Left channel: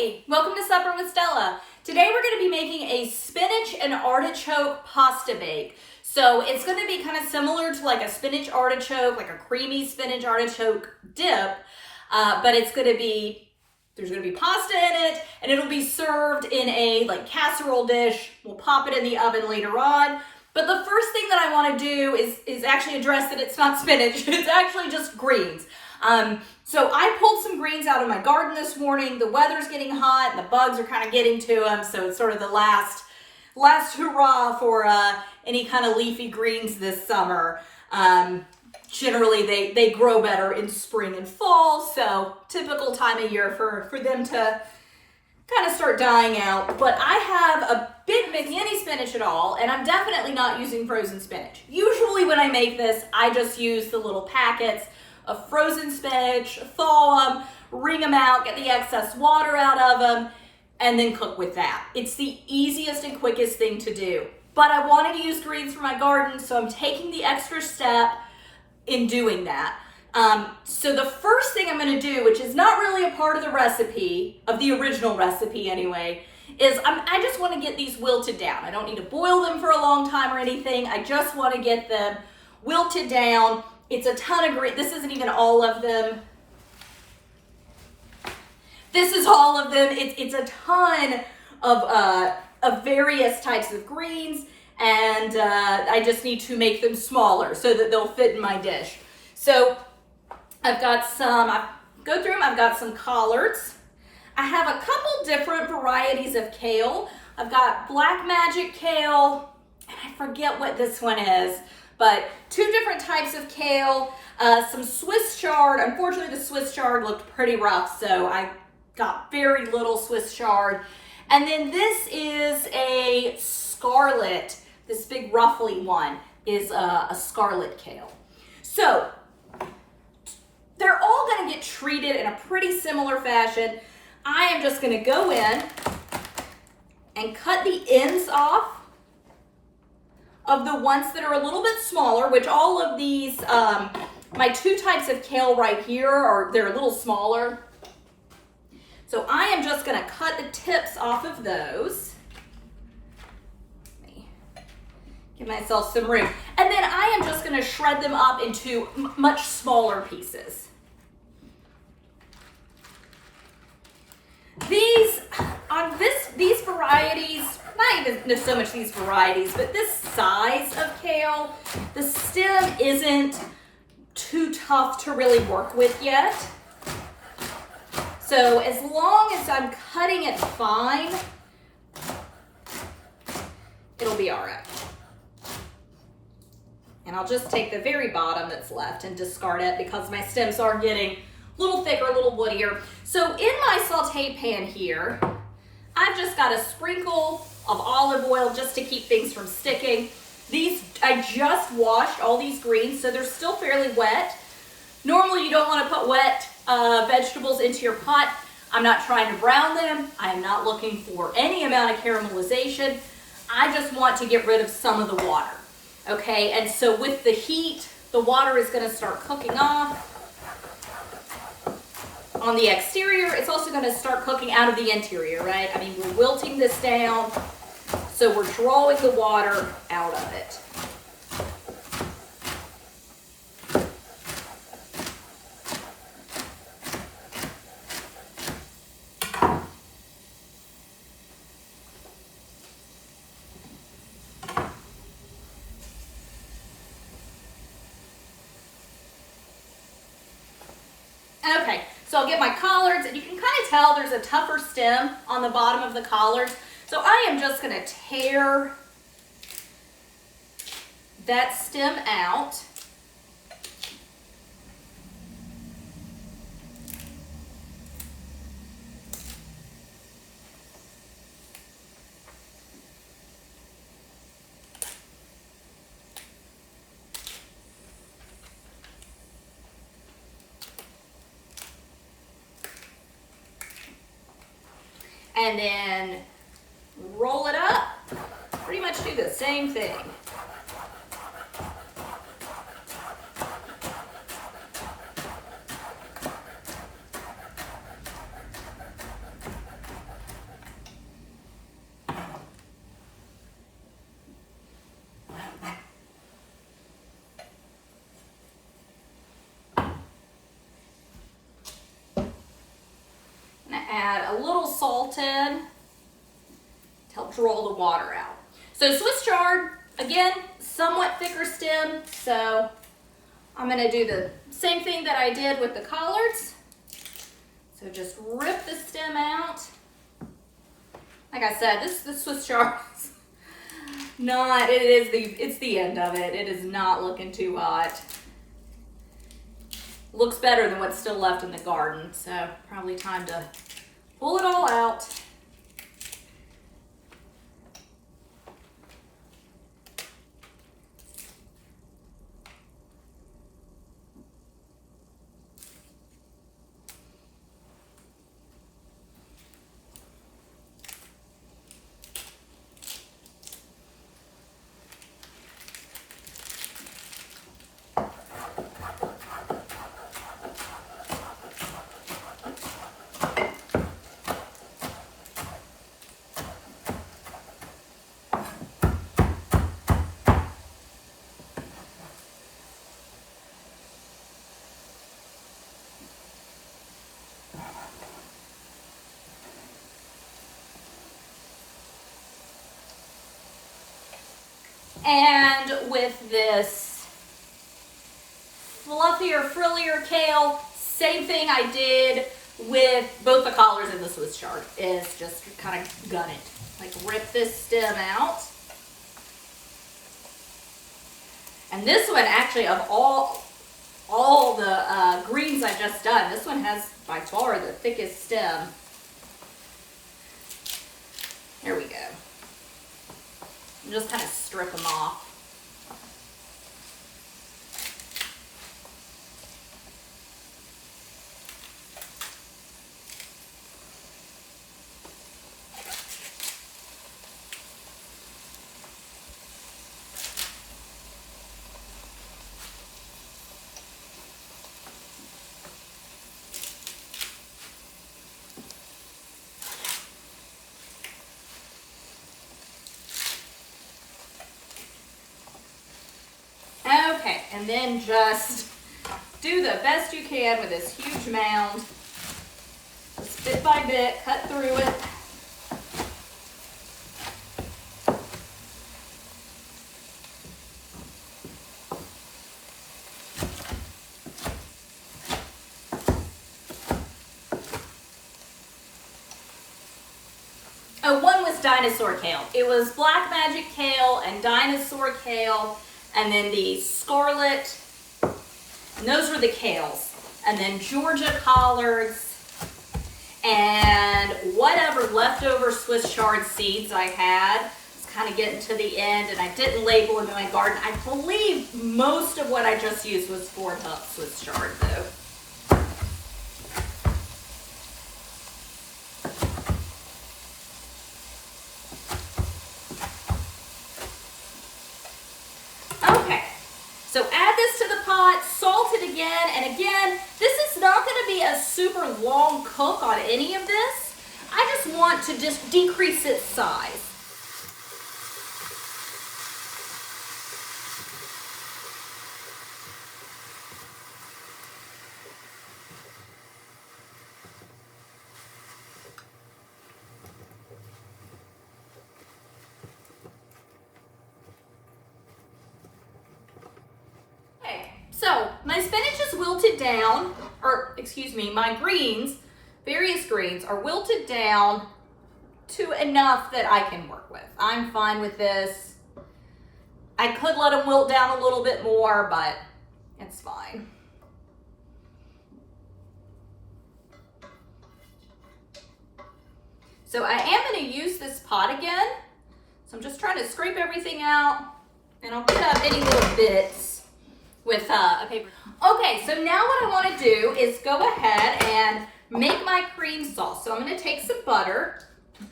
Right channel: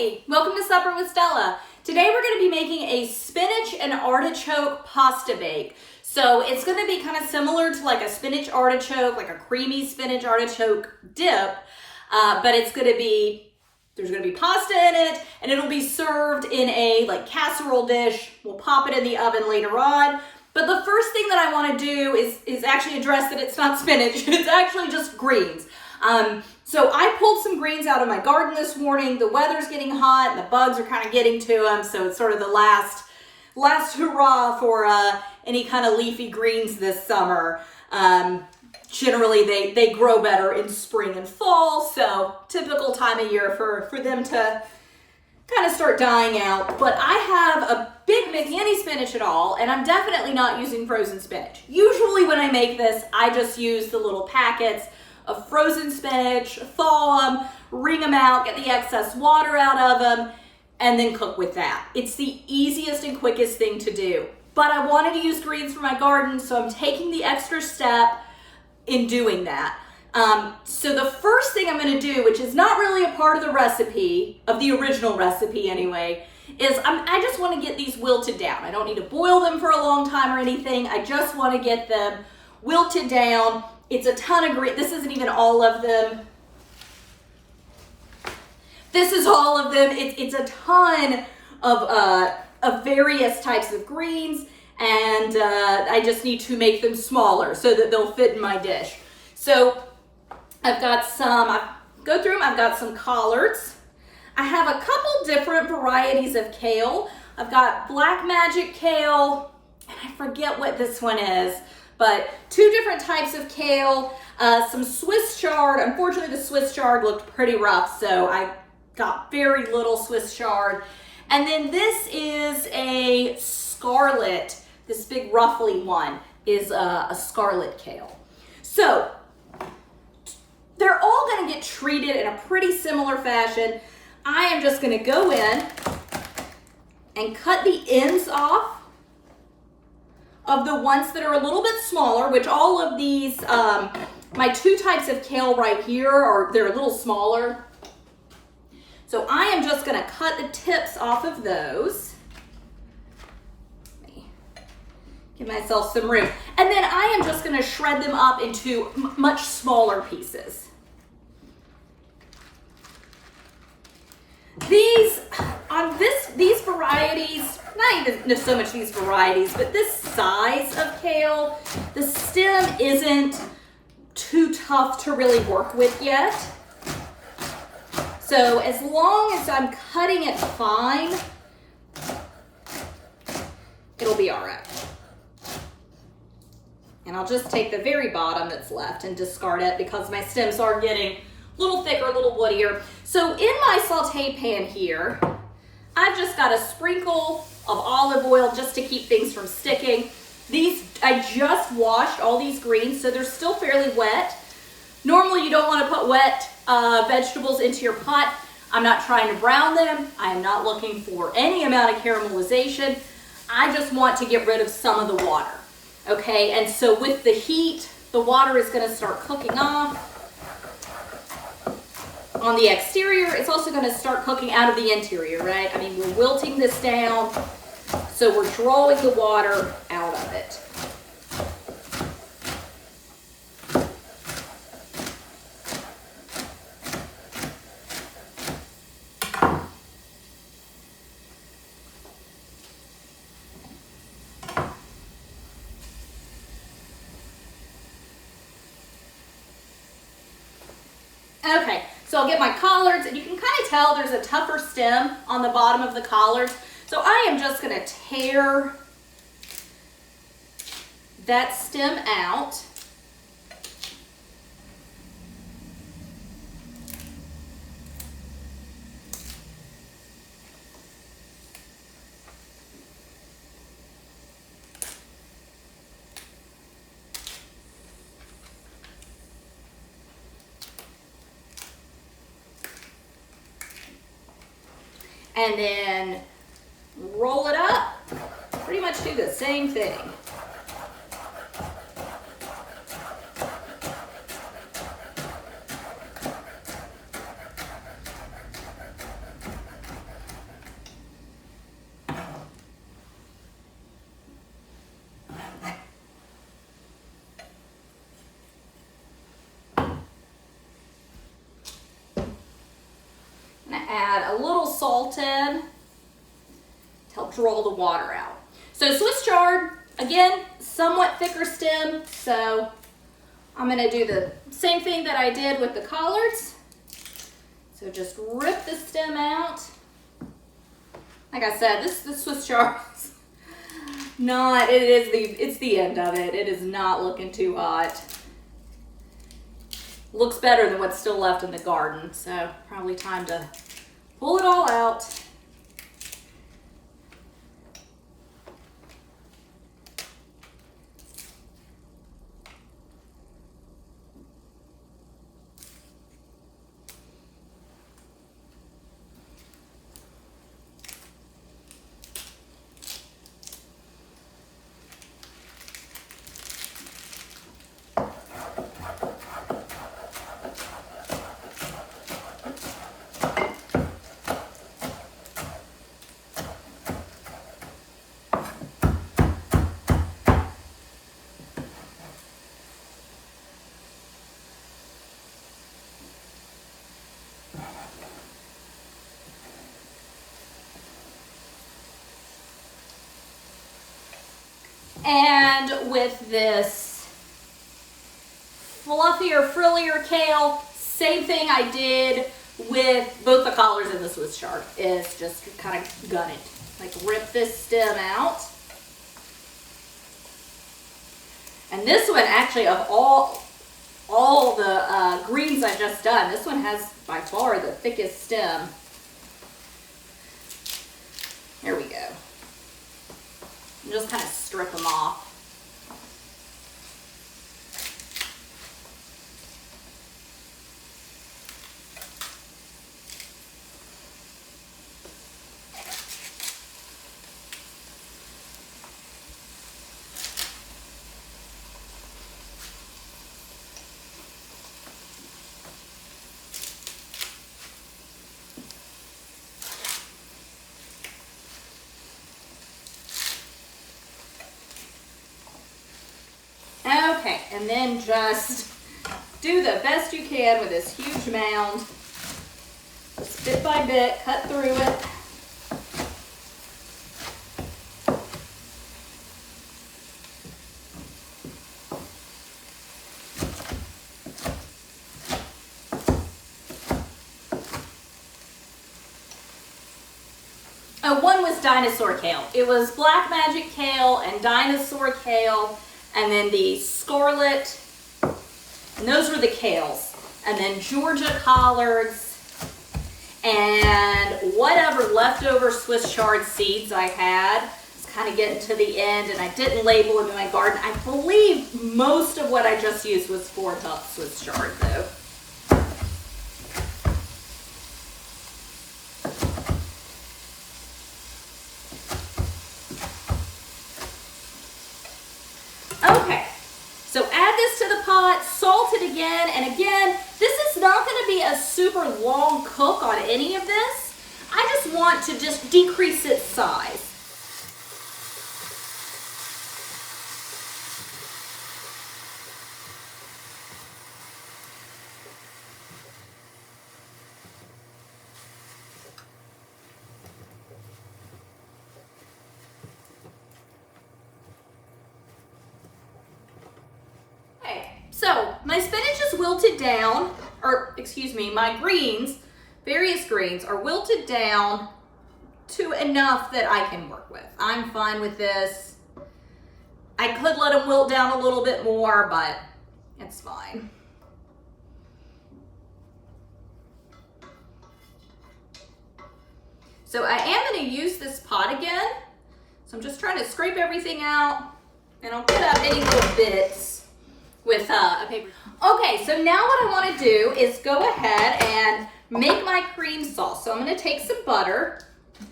Hey, welcome to Supper with Stella. Today we're going to be making a spinach and artichoke pasta bake. So it's going to be kind of similar to like a spinach artichoke, like a creamy spinach artichoke dip, but it's going to be, there's going to be pasta in it, and it'll be served in a like casserole dish. We'll pop it in the oven later on. But the first thing that I want to do is actually address that it's not spinach. It's actually just greens. So I pulled some greens out of my garden this morning. The weather's getting hot and the bugs are kind of getting to them. So it's sort of the last hurrah for any kind of leafy greens this summer. Generally they grow better in spring and fall. So typical time of year for them to kind of start dying out. But I have a big making any spinach at all, and I'm definitely not using frozen spinach. Usually when I make this, I just use the little packets of frozen spinach, thaw them, wring them out, get the excess water out of them, and then cook with that. It's the easiest and quickest thing to do. But I wanted to use greens for my garden, so I'm taking the extra step in doing that. So the first thing I'm going to do, which is not really a part of the recipe, of the original recipe anyway, is I just want to get these wilted down. I don't need to boil them for a long time or anything. I just want to get them wilted down. It's a ton of greens. This isn't even all of them. This is all of them. It's a ton of various types of greens, and I just need to make them smaller so that they'll fit in my dish. So I've got some, go through them, I've got some collards. I have a couple different varieties of kale. I've got black magic kale, and I forget what this one is, but two different types of kale, some Swiss chard. Unfortunately, the Swiss chard looked pretty rough, so I got very little Swiss chard. And then this is a scarlet, this big ruffly one is a scarlet kale. So they're all gonna get treated in a pretty similar fashion. I am just gonna go in and cut the ends off of the ones that are a little bit smaller, which all of these, my two types of kale right here they're a little smaller. So I am just gonna cut the tips off of those. Let me give myself some room. And then I am just gonna shred them up into much smaller pieces. These varieties, not even so much these varieties, but this size of kale, the stem isn't too tough to really work with yet. So as long as I'm cutting it fine, it'll be all right. And I'll just take the very bottom that's left and discard it because my stems are getting a little thicker, a little woodier. So in my saute pan here, I've just got a sprinkle of olive oil just to keep things from sticking. These, I just washed all these greens, so they're still fairly wet. Normally you don't want to put wet vegetables into your pot. I'm not trying to brown them. I am not looking for any amount of caramelization. I just want to get rid of some of the water. Okay, and so with the heat, the water is going to start cooking off on the exterior. It's also going to start cooking out of the interior, right? I mean, we're wilting this down, so we're drawing the water out of it. Okay, so I'll get my collards, and you can kind of tell there's a tougher stem on the bottom of the collards. So I am just going to tear that stem out. And then roll it up, pretty much do the same thing. add a little salt in to help draw the water out. So Swiss chard, again, somewhat thicker stem, so I'm gonna do the same thing that I did with the collards. So just rip the stem out. Like I said, this Swiss chard is not, it's the end of it. It is not looking too hot. Looks better than what's still left in the garden, so probably time to pull it all out. And with this fluffier, frillier kale, same thing I did with both the collards and the Swiss chard, is just kind of gun it. Like rip this stem out. And this one, actually, of all the greens I've just done, this one has by far the thickest stem. There we go. And just kind of strip them off. Okay, and then just do the best you can with this huge mound. Just bit by bit, cut through it. Oh, one was dinosaur kale. It was black magic kale and dinosaur kale. And then the scarlet, and those were the kales. And then Georgia collards, and whatever leftover Swiss chard seeds I had. It's kind of getting to the end, and I didn't label them in my garden. I believe most of what I just used was 4 tufts Swiss chard though. Okay, so add this to the pot, salt it again, and again, this is not going to be a super long cook on any of this. I just want to just decrease its size. So my spinach is wilted down, or excuse me, my greens, various greens are wilted down to enough that I can work with. I'm fine with this. I could let them wilt down a little bit more, but it's fine. So I am going to use this pot again. So I'm just trying to scrape everything out, and I'll cut out any little bits with a paper. Okay, so now what I want to do is go ahead and make my cream sauce. So I'm going to take some butter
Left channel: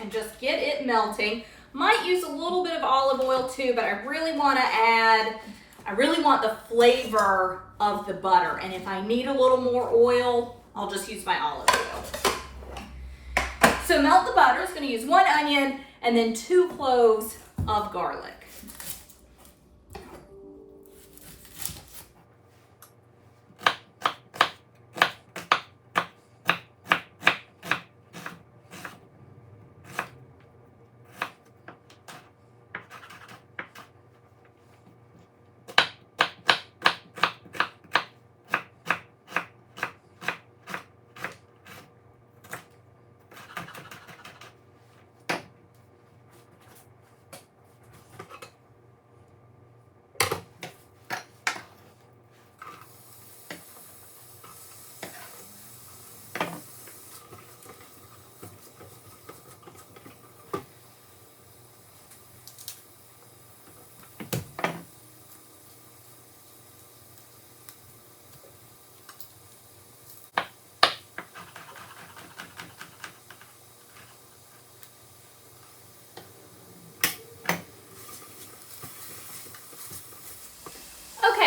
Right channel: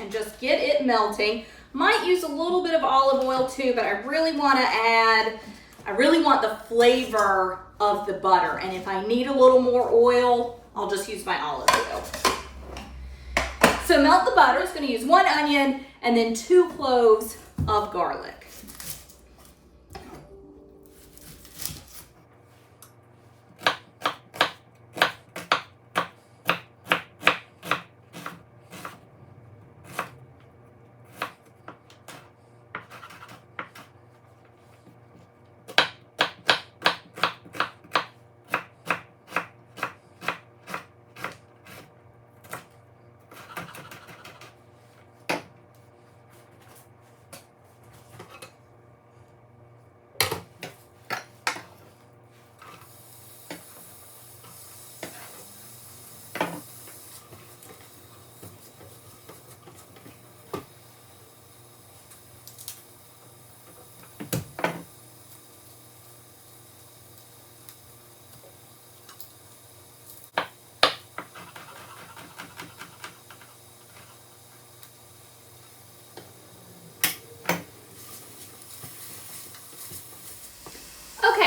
and just get it melting. Might use a little bit of olive oil too, but I really want the flavor of the butter. And if I need a little more oil, I'll just use my olive oil. So melt the butter. It's going to use 1 onion and then 2 cloves of garlic.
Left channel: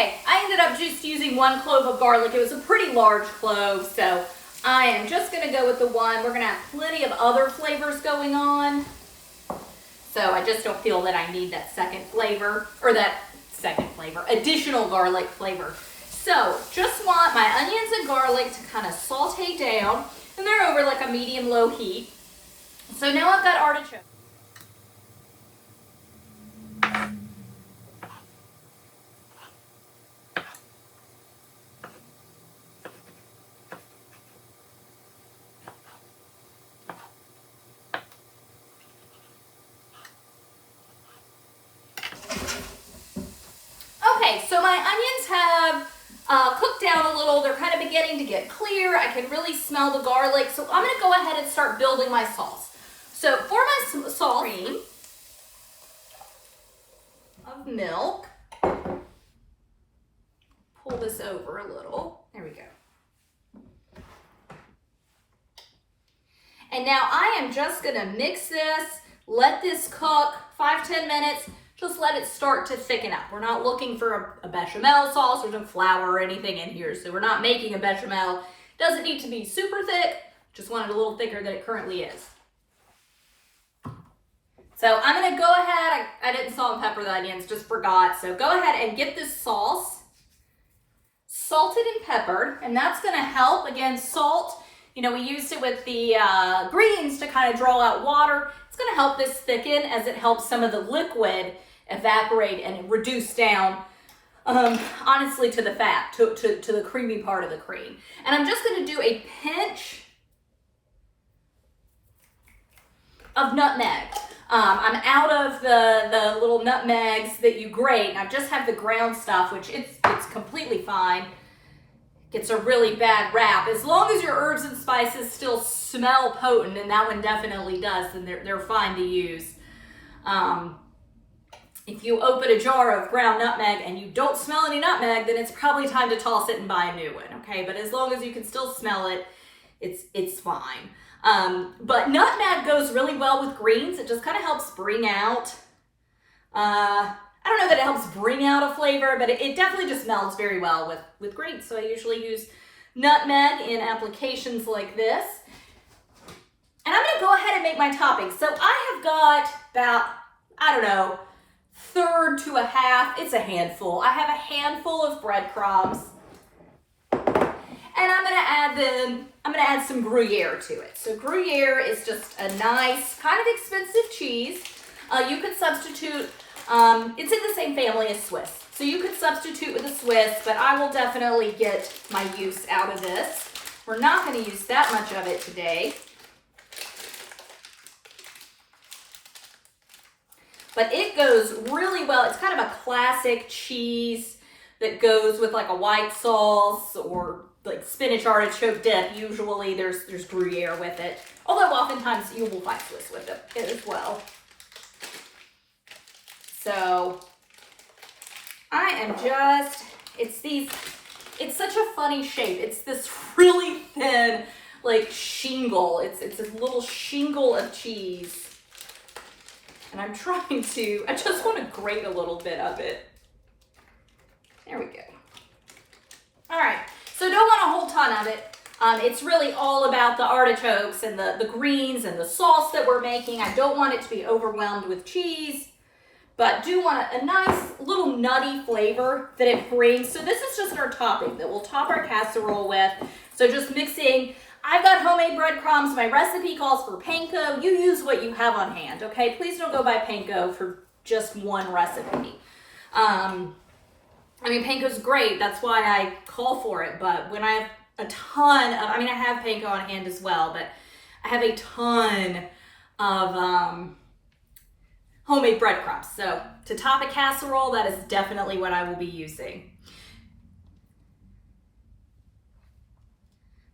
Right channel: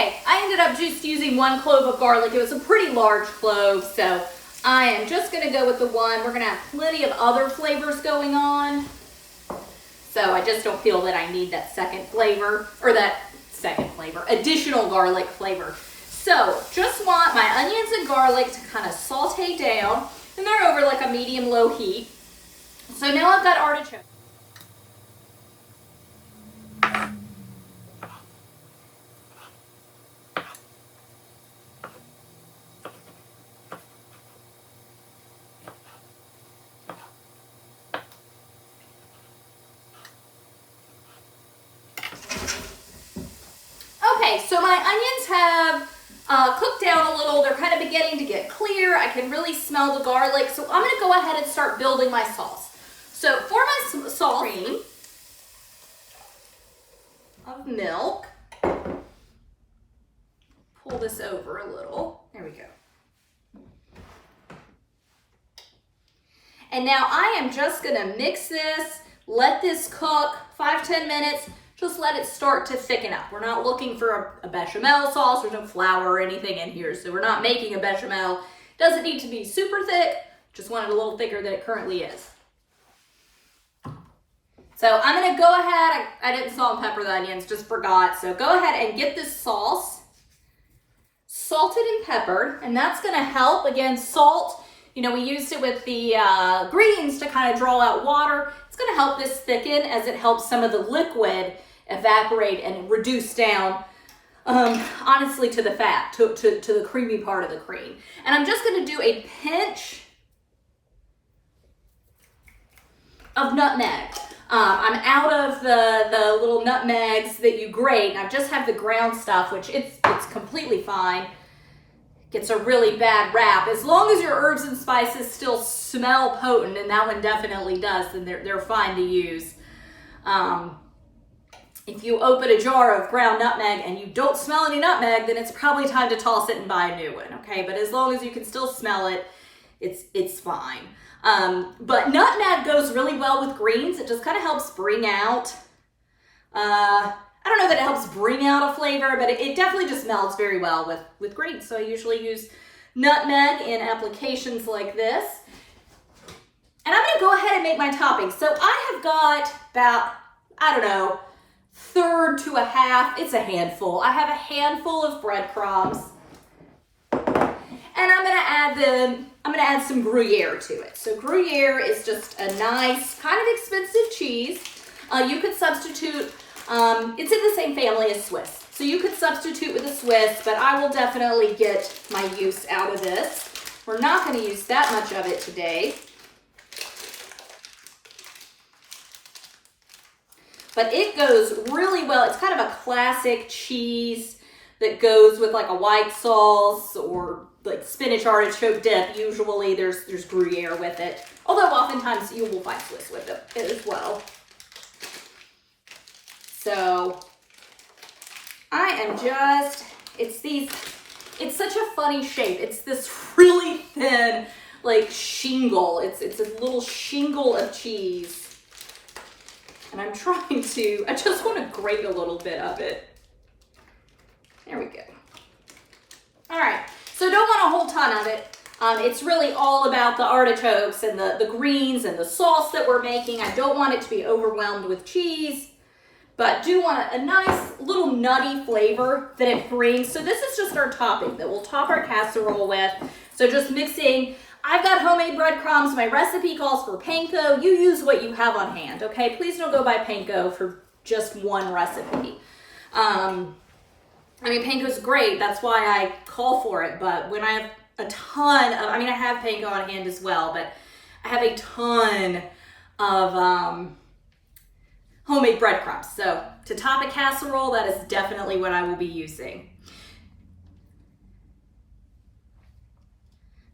Okay, I ended up just using 1 clove of garlic. It was a pretty large clove, so I am just gonna go with the one. We're gonna have plenty of other flavors going on. So I just don't feel that I need that additional garlic flavor. So just want my onions and garlic to kind of saute down, and they're over like a medium-low heat. So now I've got artichoke. Okay, so my onions have cooked down a little. They're kind of beginning to get clear. I can really smell the garlic. So I'm gonna go ahead and start building my sauce. So for my sauce, cream of milk. Pull this over a little. There we go. And now I am just gonna mix this, let this cook 5-10 minutes. Just let it start to thicken up. We're not looking for a bechamel sauce. There's no flour or anything in here, so we're not making a bechamel. It doesn't need to be super thick. Just want it a little thicker than it currently is. So I'm gonna go ahead, I didn't salt and pepper the onions, just forgot. So go ahead and get this sauce salted and peppered, and that's gonna help. Again, salt, you know, we used it with the greens to kind of draw out water. It's gonna help this thicken as it helps some of the liquid evaporate and reduce down, honestly, to the fat, to the creamy part of the cream. And I'm just gonna do a pinch of nutmeg. I'm out of the little nutmegs that you grate, and I just have the ground stuff, which it's completely fine. Gets a really bad rap. As long as your herbs and spices still smell potent, and that one definitely does, then they're fine to use. If you open a jar of ground nutmeg and you don't smell any nutmeg, then it's probably time to toss it and buy a new one, okay? But as long as you can still smell it, it's fine. But nutmeg goes really well with greens. It just kind of helps bring out, I don't know that it helps bring out a flavor, but it definitely just melts very well with greens. So I usually use nutmeg in applications like this. And I'm gonna go ahead and make my toppings. So I have got about, I don't know, 1/3 to a half, it's a handful. I have a handful of breadcrumbs. And I'm gonna add some Gruyere to it. So Gruyere is just a nice, kind of expensive cheese. You could substitute, it's in the same family as Swiss. So you could substitute with a Swiss, but I will definitely get my use out of this. We're not gonna use that much of it today. But it goes really well. It's kind of a classic cheese that goes with like a white sauce or like spinach artichoke dip. Usually there's Gruyere with it. Although oftentimes you will find Swiss with it as well. So I am just, it's such a funny shape. It's this really thin like shingle. It's a little shingle of cheese. And I'm trying to, I just want to grate a little bit of it. There we go. All right, so don't want a whole ton of it. It's really all about the artichokes and the greens and the sauce that we're making. I don't want it to be overwhelmed with cheese, but do want a nice little nutty flavor that it brings. So this is just our topping that we'll top our casserole with. So just mixing, I've got homemade breadcrumbs. My recipe calls for panko. You use what you have on hand, okay? Please don't go buy panko for just one recipe. I mean, panko's great. That's why I call for it. But when I have a ton of, I mean, I have panko on hand as well, but I have a ton of homemade breadcrumbs. So to top a casserole, that is definitely what I will be using.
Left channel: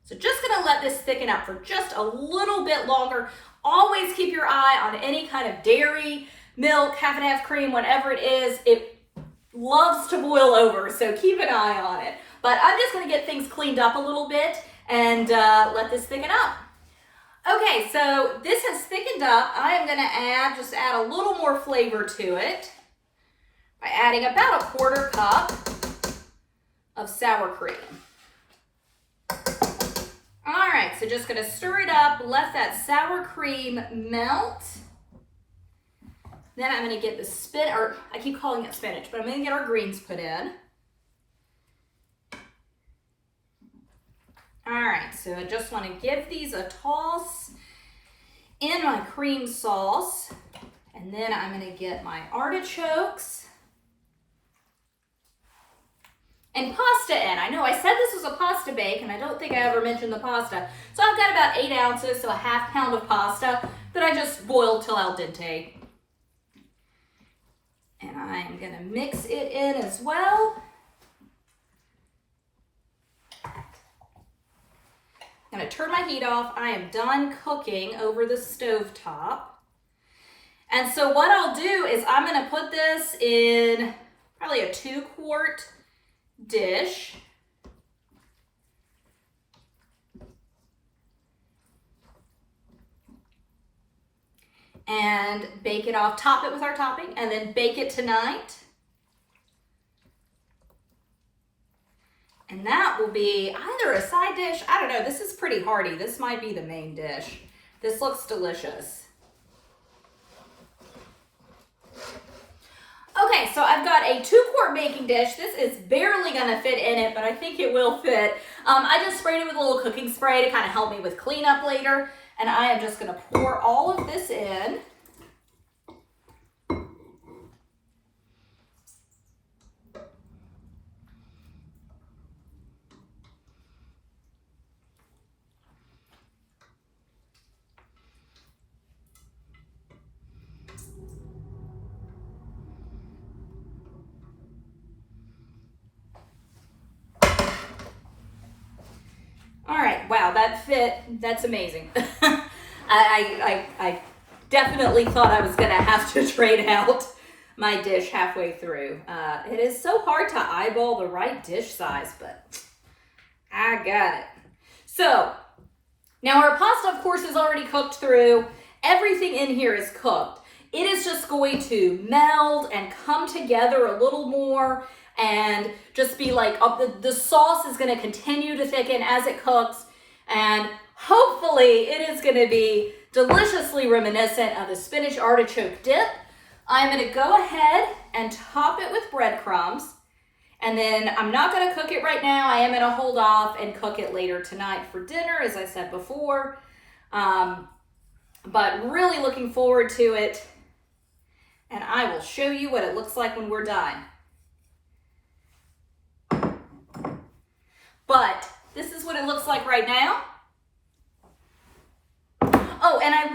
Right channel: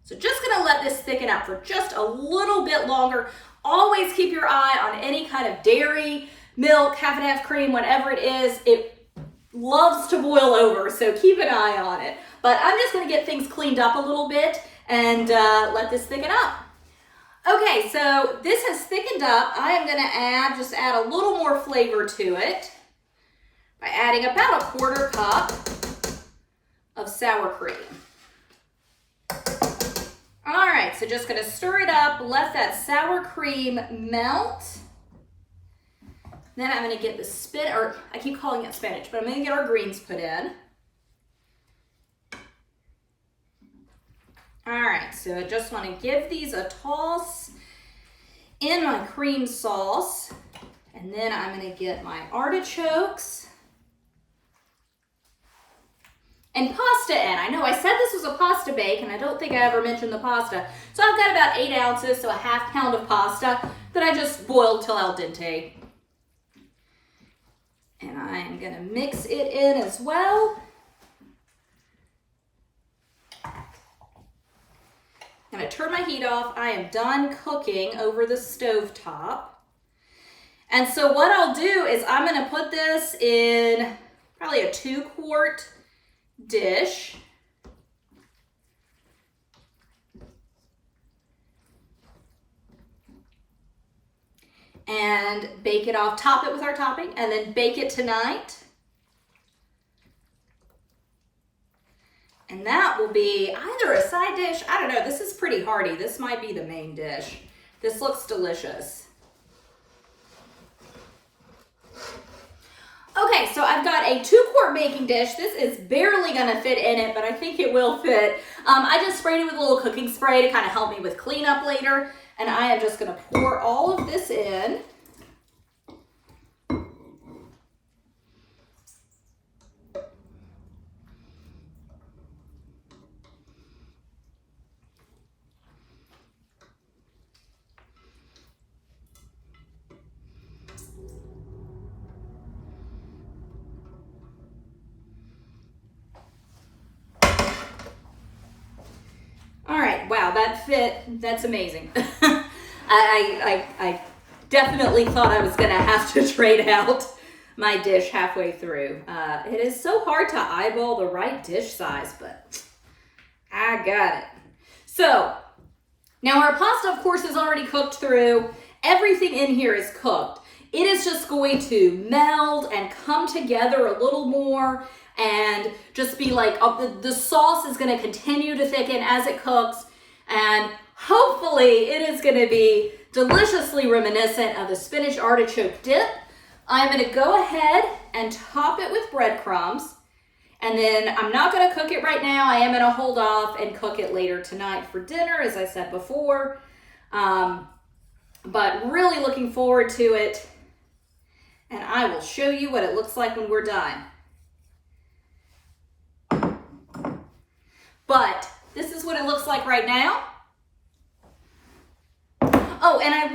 So just gonna let this thicken up for just a little bit longer. Always keep your eye on any kind of dairy, milk, half and half cream, whatever it is. It loves to boil over, so keep an eye on it. But I'm just gonna get things cleaned up a little bit and let this thicken up. Okay, so this has thickened up. I am gonna just add a little more flavor to it by adding about a 1/4 cup of sour cream. All right, so just gonna stir it up, let that sour cream melt. Then I'm gonna get the or I keep calling it spinach, but I'm gonna get our greens put in. All right, so I just wanna give these a toss in my cream sauce. And then I'm gonna get my artichokes and pasta in. I know I said this was a pasta bake, and I don't think I ever mentioned the pasta. So I've got about 8 ounces, so a ½ pound of pasta that I just boiled till al dente. And I'm gonna mix it in as well. I'm gonna turn my heat off. I am done cooking over the stove top. And so what I'll do is I'm gonna put this in probably a 2-quart dish. And bake it off, top it with our topping, and then bake it tonight. And that will be either a side dish, I don't know, this is pretty hearty. This might be the main dish. This looks delicious. Okay, so I've got a 2-quart baking dish. This is barely gonna fit in it, but I think it will fit. I just sprayed it with a little cooking spray to kind of help me with cleanup later. And I am just gonna pour all of this in. All right, wow, that fit, that's amazing. I definitely thought I was gonna have to trade out my dish halfway through. It is so hard to eyeball the right dish size, but I got it. So, now our pasta, of course, is already cooked through. Everything in here is cooked. It is just going to meld and come together a little more and just be like, the sauce is gonna continue to thicken as it cooks, and hopefully it is gonna be deliciously reminiscent of the spinach artichoke dip. I'm gonna go ahead and top it with breadcrumbs, and then I'm not gonna cook it right now. I am gonna hold off and cook it later tonight for dinner, as I said before. But really looking forward to it, and I will show you what it looks like when we're done. But this is what it looks like right now. Oh, and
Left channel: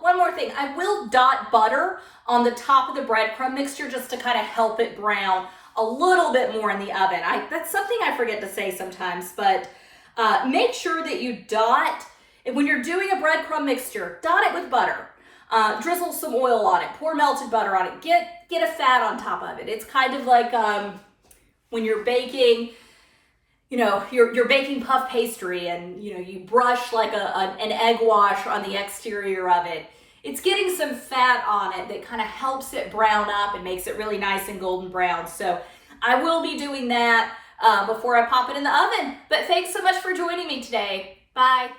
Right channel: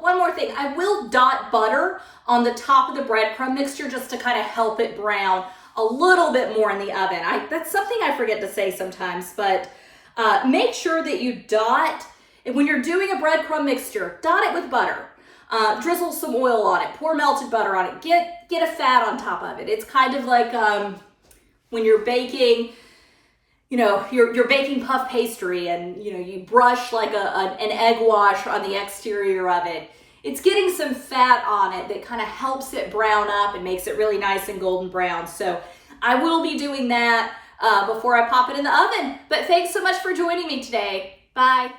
one more thing, I will dot butter on the top of the breadcrumb mixture just to kind of help it brown a little bit more in the oven. That's something I forget to say sometimes, but make sure that you dot, when you're doing a breadcrumb mixture, dot it with butter. Drizzle some oil on it, pour melted butter on it, get a fat on top of it. It's kind of like when you're baking, you know, you're baking puff pastry, and you know, you brush like an egg wash on the exterior of it. It's getting some fat on it that kind of helps it brown up and makes it really nice and golden brown. So I will be doing that before I pop it in the oven. But thanks so much for joining me today. Bye.